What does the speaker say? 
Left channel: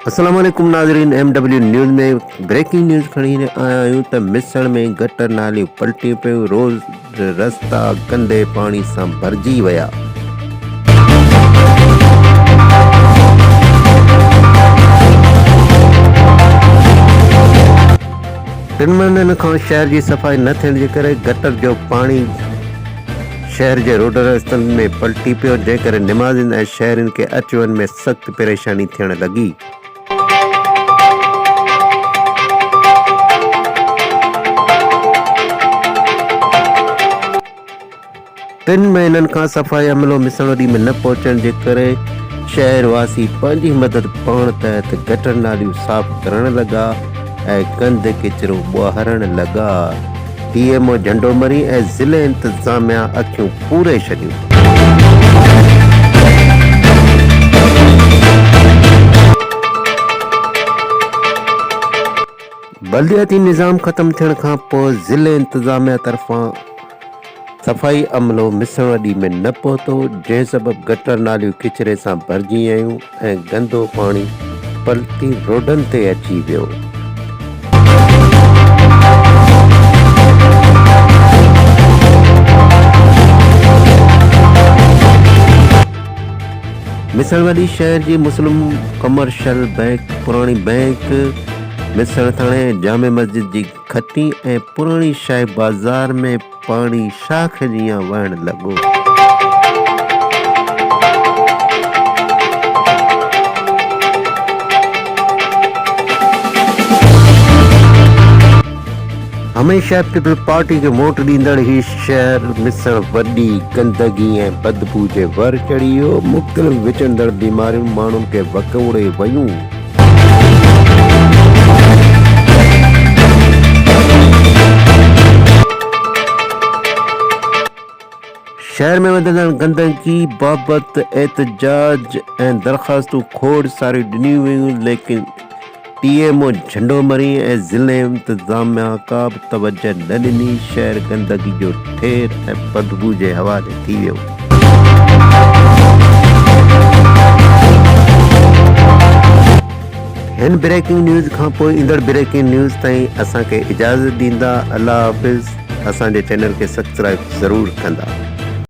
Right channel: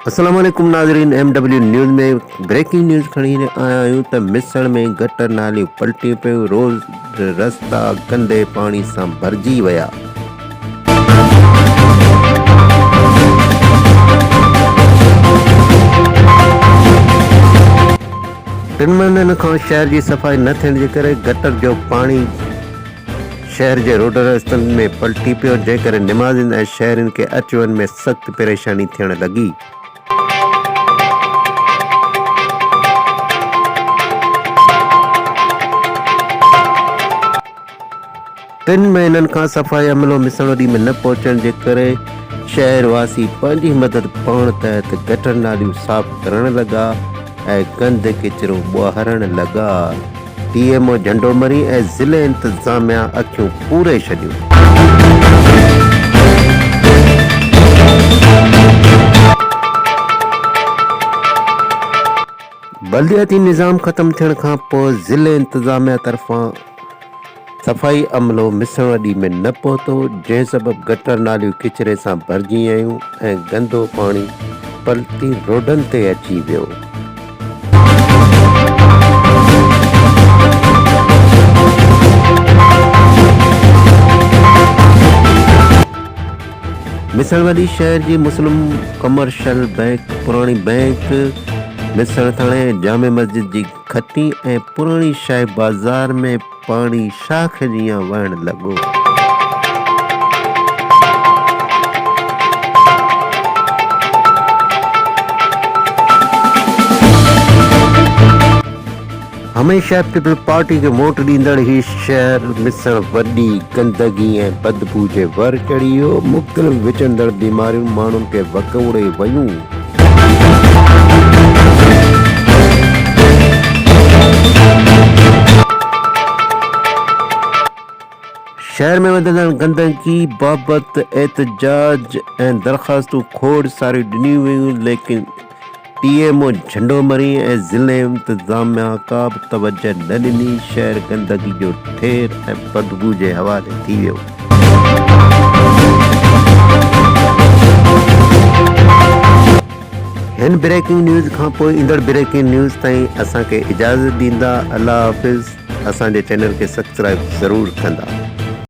अस्सलाम वालेकुम नाज़रीन। MW न्यूज़ में ब्रेकिंग न्यूज़ खणी आया आहियूं त मिसण में गटर नालियूं पलटी पियूं, रोज़ रस्ता गंदे पाणी सां भरिजी विया। टिनि महीननि खां शहर जी सफ़ाई न थियण जे करे गटर जो पाणी शहर जे रोड रस्तनि में पलटी पियो, जंहिं करे निमाज़िन ऐं शहरियुनि खे अच वञ में सख़्तु परेशानी थियण लॻी। टिनि महीननि खां सफ़ाई अमलो मिसणोडी में न पहुचण जे करे शहरवासी पंहिंजी मदद पाण तहत गटर नालियूं साफ़ करण लॻा ऐं गंद किचिरो ॿोहारण लॻा। PMO झंडोमरी ऐं ज़िले इंतिज़ामिया अखियूं पूरे छॾियूं। बल्दियाती निज़ाम ख़त्म थियण खां पोइ ज़िले इंतिज़ामिया तरफ़ां सफ़ाई अमलो मिसणवडी में न पहुतो, जंहिं सबबु गटर नालियूं किचिरे सां भरिजी वियूं ऐं गंदो पाणी पलटी रोडनि ते अची वियो। मिसणवडी शहर जी मुस्लिम कमर्शियल बैंक, पुराणी बैंक, मिसण थाणे, जामे मस्जिद जी खटी ऐं पुराणी शाही बाज़ार में पाणी शाख जीअं वहण लॻो। हमेशा पीपल पार्टी खे वोट ॾींदड़ ही शहर मिसण वॾी गंदगी ऐं बदबू जे वर चढ़ी वियो। मुख़्तलिफ़ विचंदड़ बीमारियूं माण्हुनि खे वकोड़े वयूं। शहर में वधंदड़ गंदगी बाबति एहतजाज ऐं दरख़्वास्तूं खोड़ सारियूं ॾिनियूं वयूं, लेकिन PMO झंडोमरी ऐं ज़िले इंतिज़ामिया का बि तवजह न ॾिनी। शहर गंदगी जो ठेर ऐं बदबू जे हवाले थी वियो। हिन ब्रेकिंग न्यूज़ खां पोइ ईंदड़ ब्रेकिंग न्यूज़ ताईं असांखे इजाज़त ॾींदा। अल्लाह हाफ़िज़। असांजे चैनल खे सब्सक्राइब ज़रूरु कंदा।